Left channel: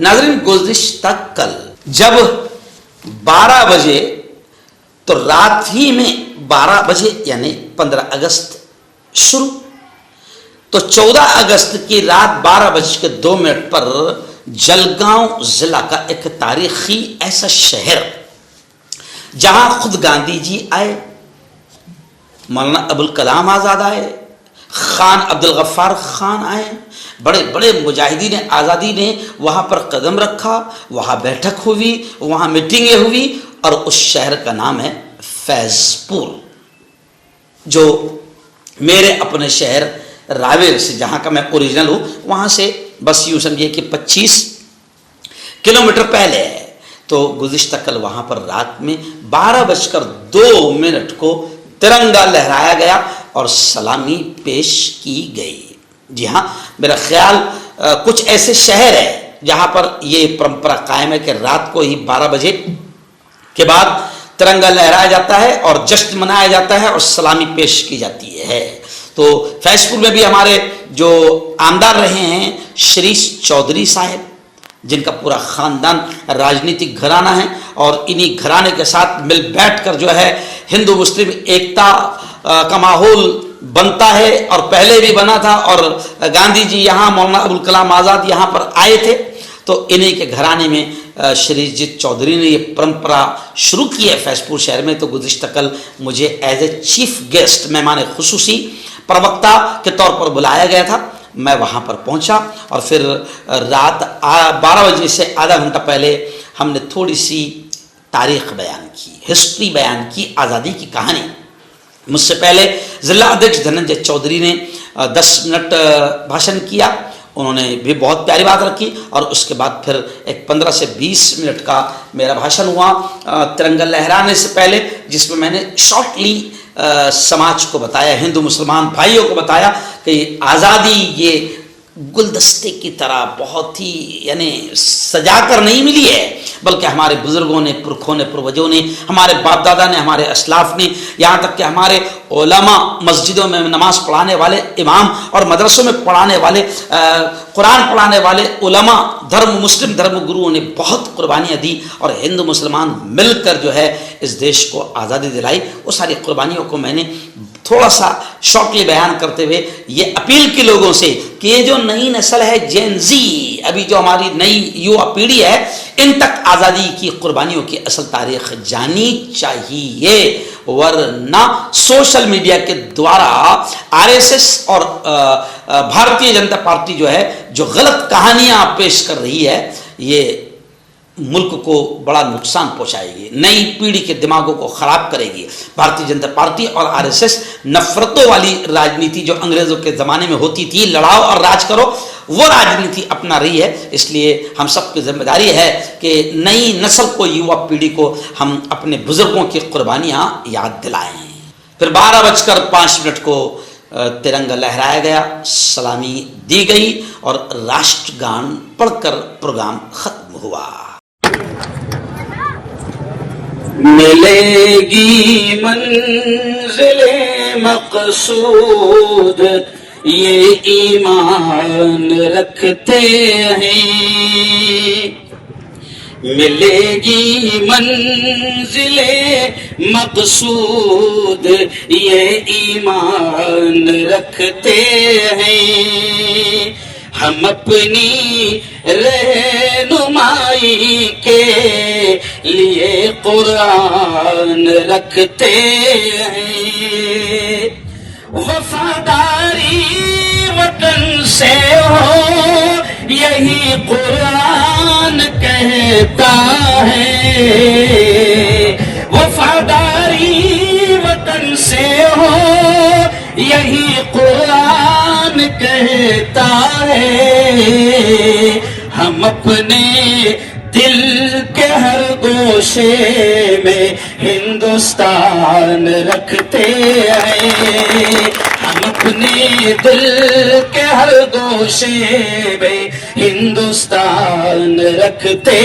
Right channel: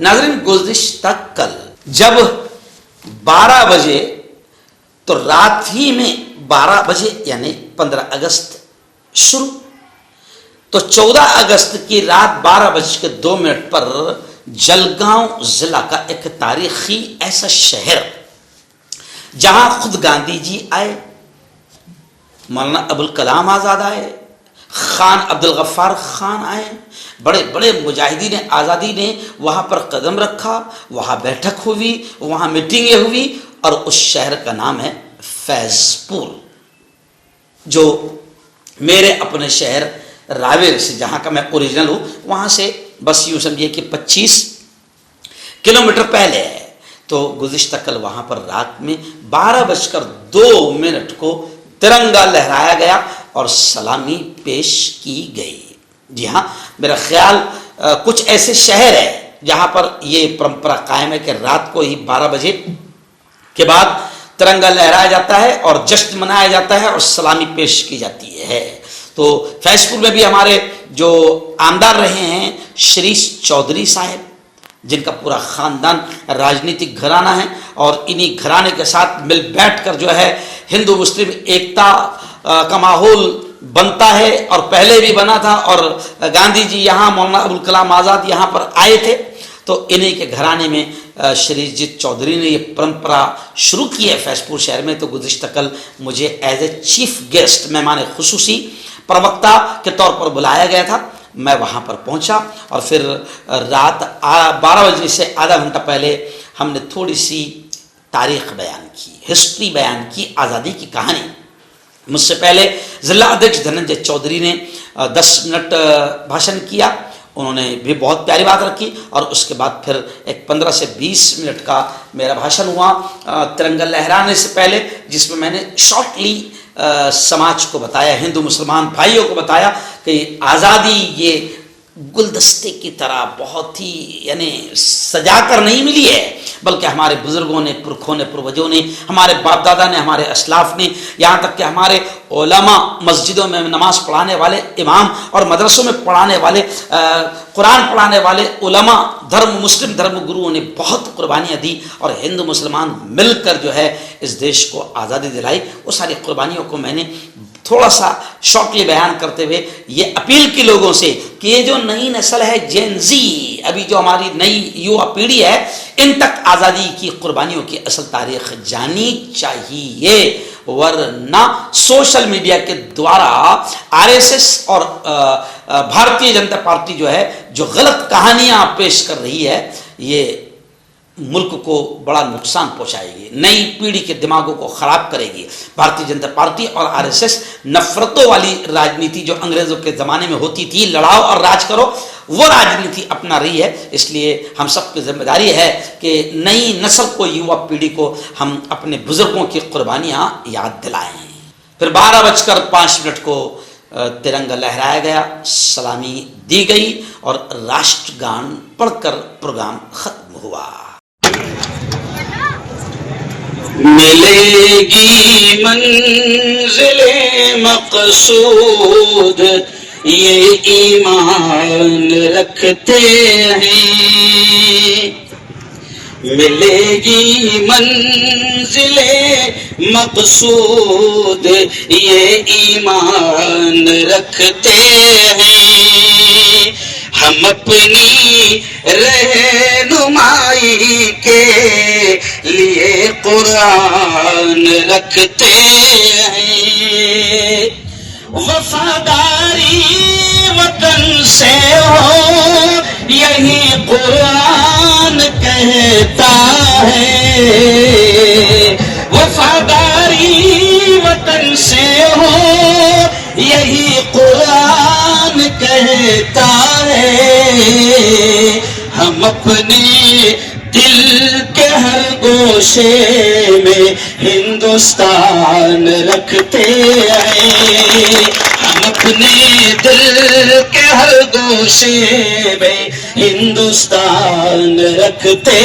नाज़रीन, गुज़िश्ता कल जब 12 बजे तो रात ही में 12 बजे यानी 15 अगस्त शुरू, तो 14 अगस्त की रात 12:02 पर जलगांव जिला का एक तारीखी ऐसा शहर जहां खुद गांधी जी आए, मौलाना अबुल कलाम आज़ाद आए, खान अब्दुल गफ्फार खान आए, बड़े बड़े मुजाहिदीन आज़ादी ने वहाँ पर कदम रखा, वहाँ बैठक हुई, वहाँ मीटिंगें हुई और उस शहर का नाम है फैज़पुर, जो मेरे अपने शहर रावेर से, जहाँ का मैं ओरिजिनल हूँ, वहाँ से बस यूँ समझिए कि 25 किलोमीटर पहले है। तो गुज़िश्ता कल वहाँ पर रात में 12:02 को तिरंगा लहराया गया और सलामी पेश की गई। जी हाँ, मेरा ख्याल कुछ ऐसे शहर है जहाँ पर ये परंपरा कायम है कि रात को ही 12 बजे के बाद तिरंगा लहराया जाता है और जश्न मनाया जाता है और सलामी पेश की जाती है। तो फैज़पुर में भी हमारे जो आमदार रहे हैं शरीश चौधरी साहब, जिनका पूरा ख़ानदान राजनीतिक घराना है और इन्हीं घराने के साथ मिल बैठ कर जो है हिंदू मुस्लिम एकता का माहौल बनता है और पहले भी बना था। और गांधी जी यहाँ, मौलाना अबुल कलाम आज़ाद यहाँ पर आए थे, तो इन्हीं के घराने में शरीफजीत चौधरी ने ये परंपरा शुरू की है फैज़पुर शहर में। तो गुज़िश्ता कल मुझे एज ए चीफ गेस्ट, मेहमान खुसूसी प्रवक्ता के तौर पर बुलाया गया था। मैं वहाँ पर पहुँचा और फिर रात 12 बजे से आधा घंटा पहले हमने थोड़ी सी तारीख़ बयान की, हिस्ट्री बयान की, आज़ादी की कहानी। मुझसे पहले ज़िला अध्यक्ष धनंजय चौधरी ने 10 मिनट भाषण किया, उन्होंने भी बहुत प्यारी बात रखी और उसके बाद फिर एक 15 से 20 मिनट का मेरा भाषण हुआ तिरंगा लहराने से पहले, जिसमें मैंने शॉर्टली समाज को बताया, हिंदू मुसलमान भाइयों को बताया कि आज़ादी ये गुलदस्ते की तरह बहुत ही यानी सजा कर नहीं मिली है, बल्कि हमारे बुज़ुर्गों ने, पुरखों ने, पूर्वजों ने, हमारे बाप दादा ने, हमारे असलाफ ने, यहाँ तक कि हमारे उलमा, मस्जिदों में नमाज़ पढ़ाने वाले इमाम और मदरसों में पढ़ाने वाले, कुरान पढ़ाने वाले उलमा, धर्म मुस्लिम धर्म गुरुओं ने बहुत कुर्बानियाँ दी और हिंदू मुसलमान मिलकर जो है इस देश को आज़ादी दिलाई। वो सारी कुर्बानियों को मैंने थोड़ा सा शॉर्टली बयान करते हुए ये अपील की लोगों से कि ये जो नई नस्ल है जेन ज़ी, अभी जो हमारी नई युवा पीढ़ी है, इन तक आज़ादी की कुर्बानियों की असल तारीख़ जानी चाहिए, वरना सोशल मीडिया के द्वारा आरएसएस और भारतीय जनता पार्टी जो है जो गलत कहानियाँ पेश कर रही है, ये मुल्क को बड़ा नुकसान पहुंचाएगी, नई पीढ़ी के दिमागों को ख़राब करेगी। भारतीय जनता पार्टी और आरएसएस नफ़रतों वाली राजनीति जो अंग्रेज़ों के ज़माने में होती थी, लड़ाओ और राज करो, वो राजनीति अपना रही है। इसलिए हम सब की जिम्मेदारी है कि नई नस्ल को, युवा पीढ़ी को हम अपने बुज़ुर्गों की कुर्बानियाँ याद दिलाएँ। फिर 12:05 को तिरंगा लहराया गया, सलामी दी गई और राष्ट्रगान पढ़कर प्रोग्राम ख़त्म हुआ। मिलेगी मंज़िले मक़सूद ये ईमान रखते हैं, मिलेगी मंज़िले मक़सूद ये ईमान रखते हैं। हम अपनी रहनुमाई के लिए कुरान रखते हैं। वफादारी वतन से हो यही कुरान कहता है, वफादारी वतन से हो यही कुरान कहता है। हम अपने दिल के हर गोशे में हिंदुस्तान रखते हैं, हम अपने दिल के हर गोशे में हिंदुस्तान रखते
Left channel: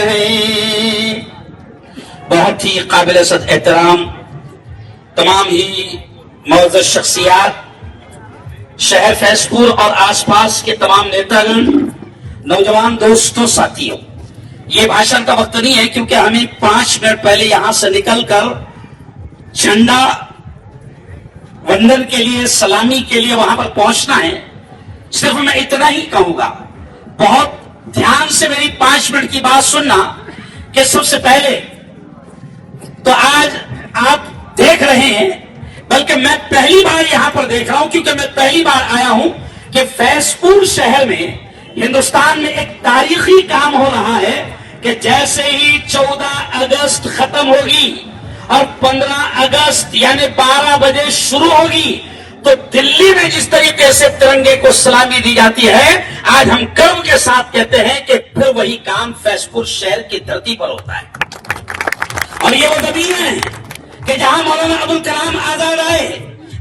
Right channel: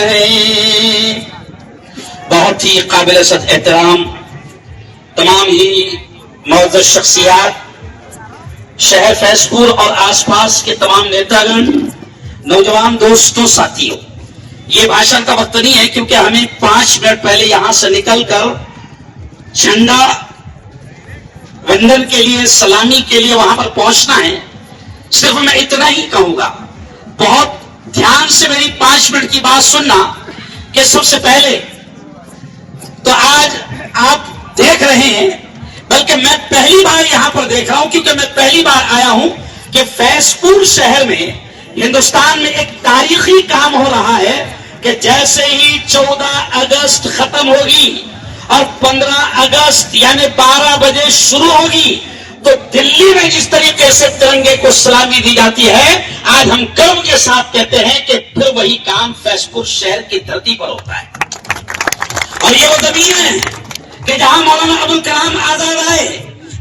हैं। बहुत ही काबिल एहतराम तमाम ही मौजूद शख्सियात, शहर फैज़पुर और आसपास के तमाम नेतागण, नौजवान दोस्तों, साथियों, ये भाषण का वक्त नहीं है क्योंकि हमें 5 मिनट पहले यहां से निकलकर झंडा वंदन के लिए, सलामी के लिए वहां पर पहुंचना है। सिर्फ मैं इतना ही कहूंगा, बहुत ध्यान से मेरी 5 मिनट की बात सुनना, कि सबसे पहले तो आज आप देख रहे हैं, बल्कि मैं पहली बार यहां पर देख रहा हूं क्योंकि मैं पहली बार आया हूं कि फैजपुर शहर में हिंदुस्तान में एक तारीखी काम हो रहा है कि जैसे ही 14 अगस्त खत्म होगी और 15 अगस्त यानी 12 बजे शुरू होगी, तो दिल्ली में जिस तरीके से तिरंगे को सलामी दी जाती है, आज हम गर्व के साथ कहते हैं कि फिर वही काम फैजपुर शहर की धरती पर होता है। और ये वो जमीन है कि जहां मौलाना अबुल कलाम आजाद आए,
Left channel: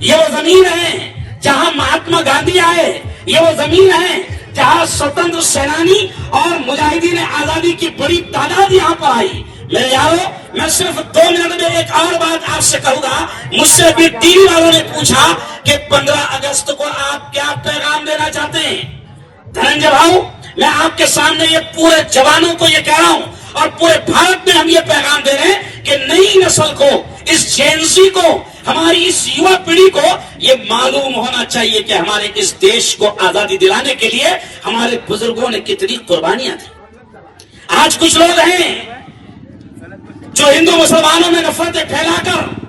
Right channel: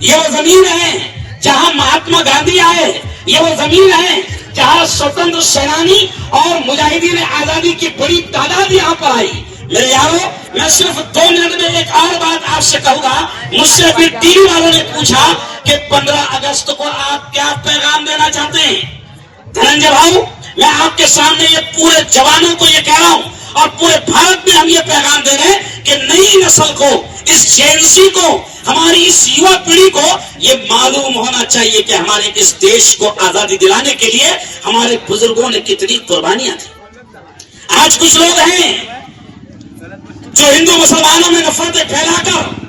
ये वो जमीन है जहां महात्मा गांधी आए, ये वो जमीन है जहां स्वतंत्र सेनानी और मुजाहिदीन आजादी की बड़ी तादाद यहां पर आई। मेरे यारों, मैं सिर्फ 2 मिनट में एक और बात आपसे कहूंगा। मुझसे अभी टीवी वालों ने पूछा कि 15 अगस्त को आप क्या पैगाम देना चाहते हैं। धनंजय भाऊ, मैं आपके सामने ये पूरे जवानों को ये कह रहा हूं और पूरे भारत में हम ये पैगाम दे रहे हैं कि नई नस्ल को, इस जेनसी को, हमारी इस युवा पीढ़ी को ये मालूम होना चाहिए कि हमारे इस देश को आजादी दिलाने के लिए हमारे बुजुर्गों ने कितनी कुर्बानियां दी। आज कुछ लोग हैं जो हिंदू मुसलमानों में नफरतें फैलाकर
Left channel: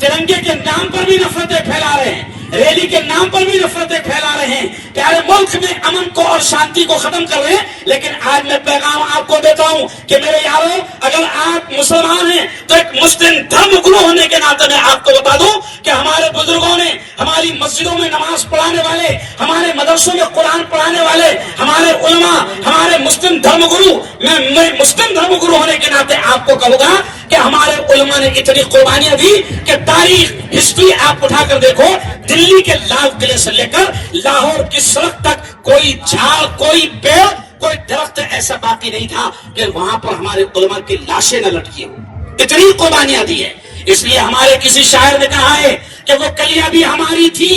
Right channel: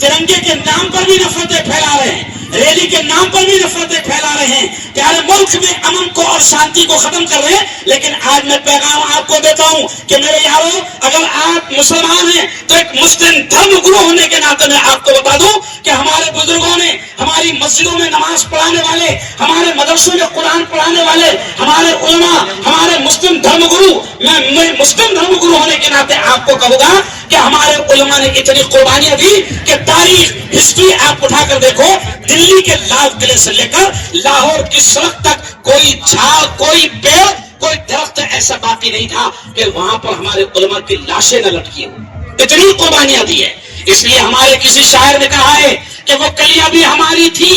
तिरंगे के नाम पर भी नफरतें फैला रहे हैं, रैली के नाम पर भी नफरतें फैला रहे हैं, प्यारे मुल्क में अमन को और शांति को खत्म कर रहे हैं। लेकिन आज मैं पैगाम आपको देता हूं कि मेरे यारों, अगर आप मुसलमान हैं तो एक मुस्लिम धर्म गुरु होने के नाते मैं आपको बता दूं कि हमारे बुजुर्गों ने हमारी मस्जिदों में नमाज पढ़ाने वाले, हमारे मदरसों में कुरान पढ़ाने वाले, हमारे उलमा, हमारे मुस्लिम धर्म गुरु, मैं मुस्लिम धर्म गुरु होने के नाते आपको कहूंगा कि हमारे उलमा ने इतनी कुर्बानियां दी कि तारीख, हिस्ट्री आप उठाकर देखो, दिल्ली के लाल किले से लेकर लाहौर की सड़क तक कोई झाड़, कोई पेड़, कोई दरख्त ऐसा बाकी नहीं था कि वहां पर हमारे उलमा की लाशें न लटकी हो। इतनी कुर्बानियां दी है। इसलिए हमारे किसी शायर ने कहा है कि वो कलियां भी हमारी थी,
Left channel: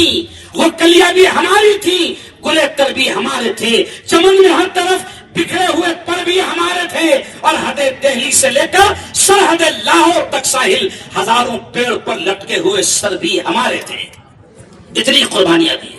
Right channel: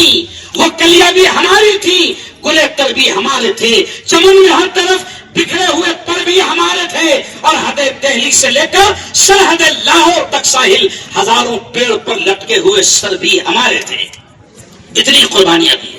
वो कलियां भी हमारी थी, गुलेक्टर भी हमारे थे, चमन में हर तरफ बिखरे हुए पर भी हमारे थे, और हदे दिल्ली से लेकर सरहद लाहौर तक साहिल, हजारों पेड़ पर लटके हुए सर भी हमारे थे। इतनी कुर्बानियां दी है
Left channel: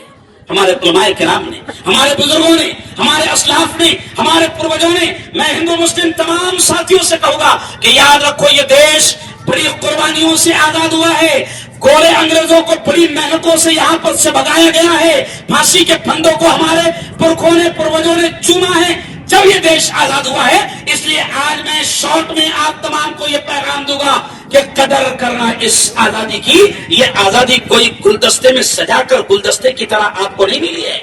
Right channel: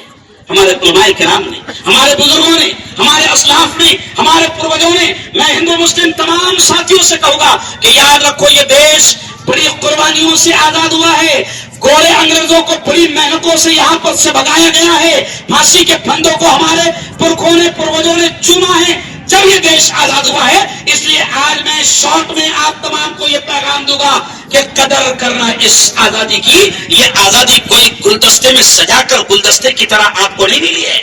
हमारे उलमाए किराम ने, हमारे बुजुर्गों ने, हमारे असलाफ ने, हमारे पूर्वजों ने। मैं हिंदू मुस्लिम तमाम साथियों से कहूंगा कि याद रखो, ये देश बड़ी कुर्बानियों से आजाद हुआ है। गोरे अंग्रेजों को बड़ी मेहनतों से यहाँ पर से भगाया गया है। फांसी के फंदों को हमारे पुरखों ने, पूर्वजों ने चूमा है जब ये देश आजाद हुआ है। इसलिए आज मैं शॉर्ट में आप तमाम को ये पैगाम दूंगा कि कदर करना इस आजादी की। ये आजादी कोई गुलदस्ते में सजाकर गुलदस्ते की तरह आपको नहीं मिली है,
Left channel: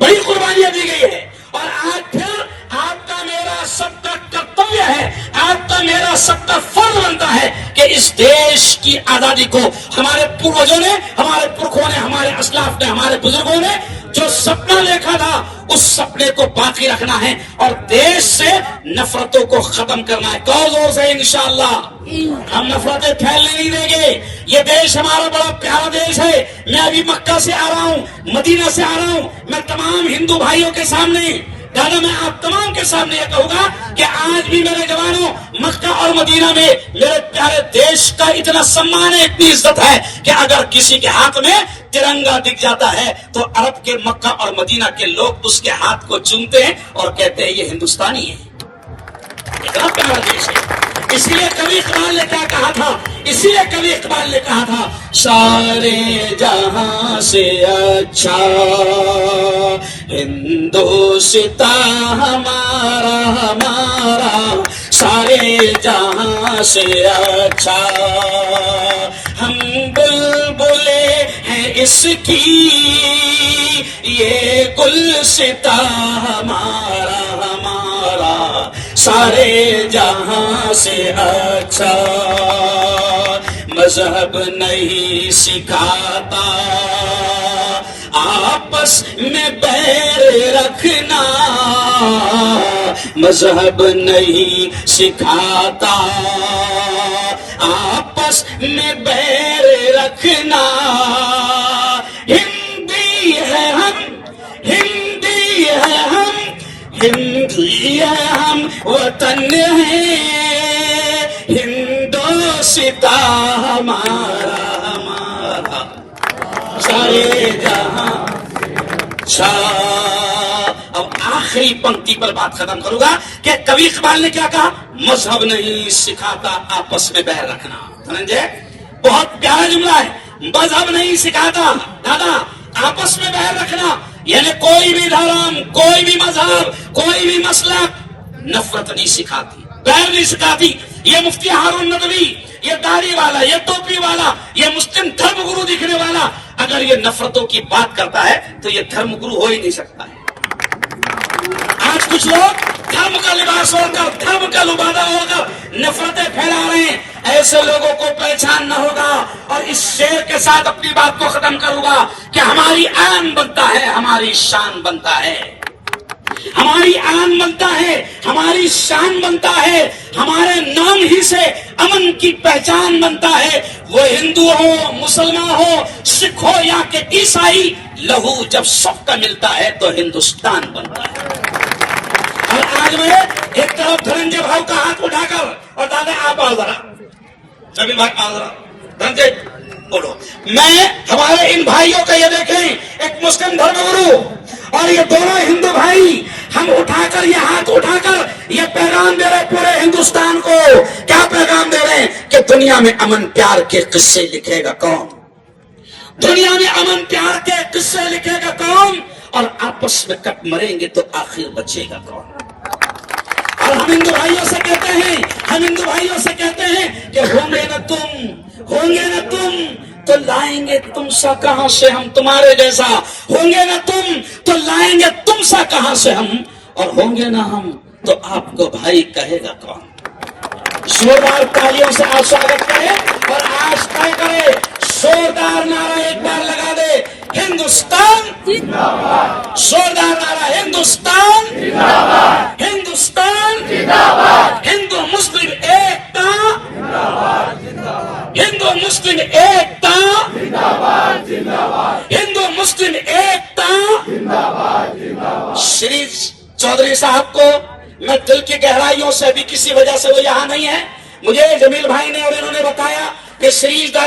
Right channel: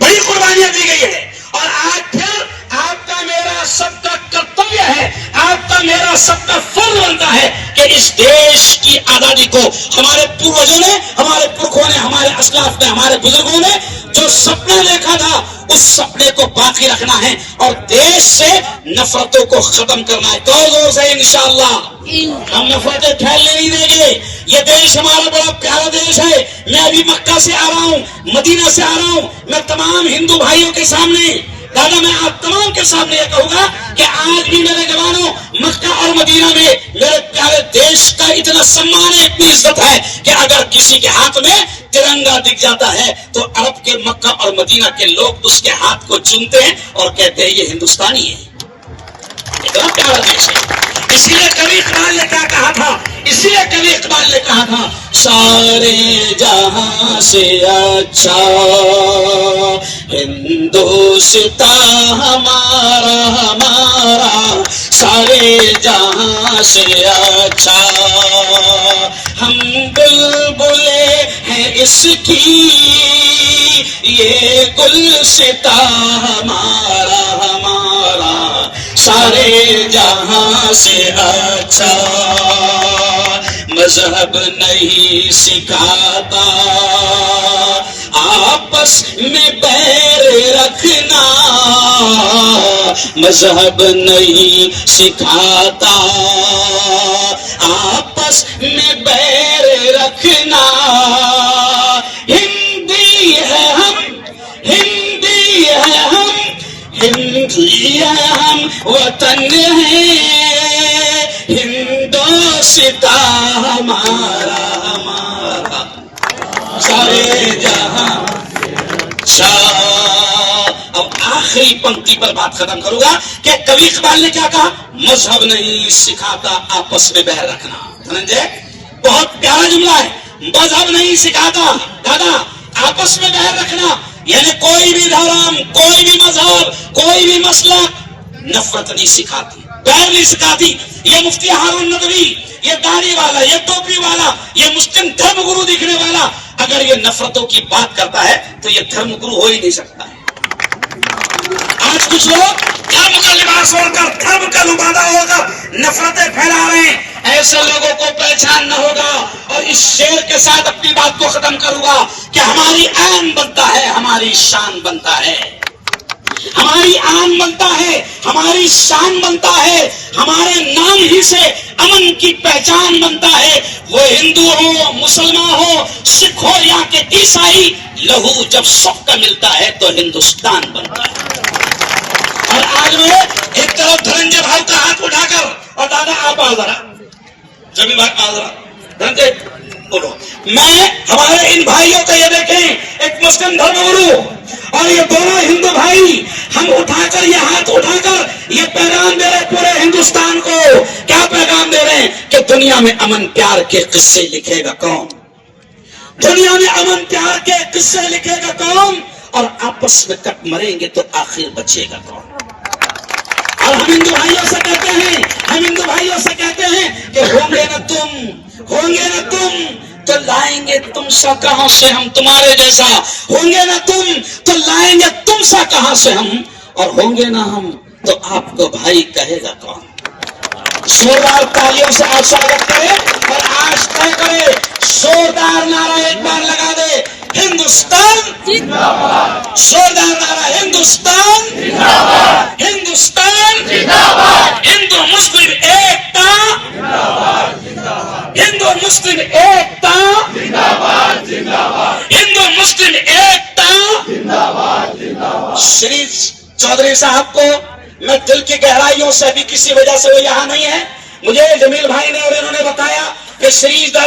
बड़ी कुर्बानियां दी गई है। और आज फिर आपका मेरा सबका कर्तव्य है, आपका मेरा सबका फर्ज बनता है कि इस देश की आजादी को हमारे पूर्वजों ने, हमारे पुरखों ने, हमारे असलाफ ने, हमारे बुजुर्गों ने जो सपना देखा था, उस सपने को बाकी रखना है और देश से नफरतों को खत्म करना है। जोर जोर से इंशाअल्लाह हम नफरतें फैलने नहीं देंगे। ये देश हमारा बड़ा प्यारा देश है। मैं अभी मक्का से आ रहा हूँ, मदीना से आ रहा हूँ। मैं तमाम हिंदू भाइयों के सामने, दादा, मैं आप तमाम के सामने ये कहूंगा कि आज भी मेरे जवानों, मक्का और मदीना में मेरे प्यारे देश का इतना सम्मान है, इतनी इज्जत है कि अगर किसी के हाथ में तिरंगा दिख जाता है तो अरब के मक्का और मदीना के लोग उसके हाथ को चूमते हैं और कहते हैं ये हिंदुस्तानी है। इतना प्यारा देश है। इसीलिए कवि इकबाल ने क्या कहा था, इसीलिए कवि इकबाल ने कहा था, सारे जहां से अच्छा हिंदुस्तान हमारा, हमारा सारे जहां से अच्छा। हम बुलबुले हैं इसकी, ये गुलसिता हमारा, हमारा सारे जहां से अच्छा। मजहब नहीं सिखाता आपस में बैर रखना, मजहब नहीं सिखाता आपस में बैर रखना। हिंदी है हम, हिंदी है हम, وطن ہے ہندوستاں ہمارا ہمارا سارے جہاں اب آخری پنکتی پر بات ختم کروں گا کہ کبھی اقبال نے کیا کہا؟ مذہب نہیں سکھاتا آپس میں بہر رکھنا. بہت پیارا جملہ ہے. مذہب نہیں سکھاتا دادا آپس میں بہر رکھنا، یعنی کوئی بھی دھرم، کوئی بھی مذہب، کوئی بھی مسلک نفرت نہیں سکھاتی، بہر نہیں سکھاتی. یہ مفتی ہارون ندوی، یہ داڑھی والا، یہ ٹوپی والا، یہ مسلم دھرم گرو دکھنے والا اگر یہ نفرتوں کی بات کرتا ہے تو یہ دھرم گرو ہو ہی نہیں سکتا. آج کچھ لوگ دھرم کا لباس اوڑھ کر، دھرم کا لبادہ اوڑھ کر نفرتیں پھیلا رہے ہیں. ایسے لوگوں کو پہچان نہ ہوگا. اور اس شعر کے ساتھ اپنی بات کو ختم کروں گا کہ ہماری آن بنتا ہے، ہماری شان بنتا ہے، ہماری آن بنتا ہے، ہماری شان بنتا ہے، ہمارے نام ہی سے امن کی پہچان بنتا ہے. وہ ہندو ہو، مسلمان ہو، سکھ ہو یا کہ عیسائی، لہو جب سب کا ملتا ہے تو ہندوستان بنتا ہے. اور آج میں ایک طرف دھننجے بھائی کا ہاتھ اٹھا کر، اور دادا آپ آؤ ذرا، جبھی بھائی آؤ ذرا، دھننجے بولو. میں ہمارے ان بھائیوں کا یہ دیکھیں، ایک مسلم دھرم گرو اور یہ دونوں ہندو بھائی، ہم اٹھا کر یہ ہاتھ اٹھا کر یہ پیغام دے رہے پورے ہندوستان کو. کیا پیغام دے رہے ہیں؟ کہ دنیا میں امن پیار کے قصے لکھے گا کون؟ دنیا میں امن پیار کے قصے لکھے گا کون؟ اور آپس میں کٹ مریں گے تو آخر بچے گا کون؟ اور ہم ہندو بھائیوں سے کہتے ہیں، ہم ہندو بھائیوں سے کہتے ہیں کہ ہوں گے نہ تم تو لائیں گے تم سا کہاں سے ہم تمہارے جیسا، ہوں گے نہ تم تو لائیں گے تم سا کہاں سے ہم، اور ہوں گے نہ ہم تو آپ کو بھائی کہے گا کون؟ زوردار تالیوں سے آپ سواگت کریں اور آج طے کرے، زوردار نعرہ ایک بار لگا دے، ہندوستان زندہ باد. زوردار نعرہ، ہندوستان زندہ باد، ہندوستان زندہ باد. ہندو مسلم ایکتا زندہ باد، ہندو مسلم ایکتا زندہ باد، ہندو مسلم ایکتا زندہ باد. شری چودھری صاحب کو میں دل کی گہرائیوں سے بھی کسی وجہ سے وہ یہاں نہیں ہے، مجھے جمیل بھائی نے اور انہوں نے بتایا کہ شریف دادا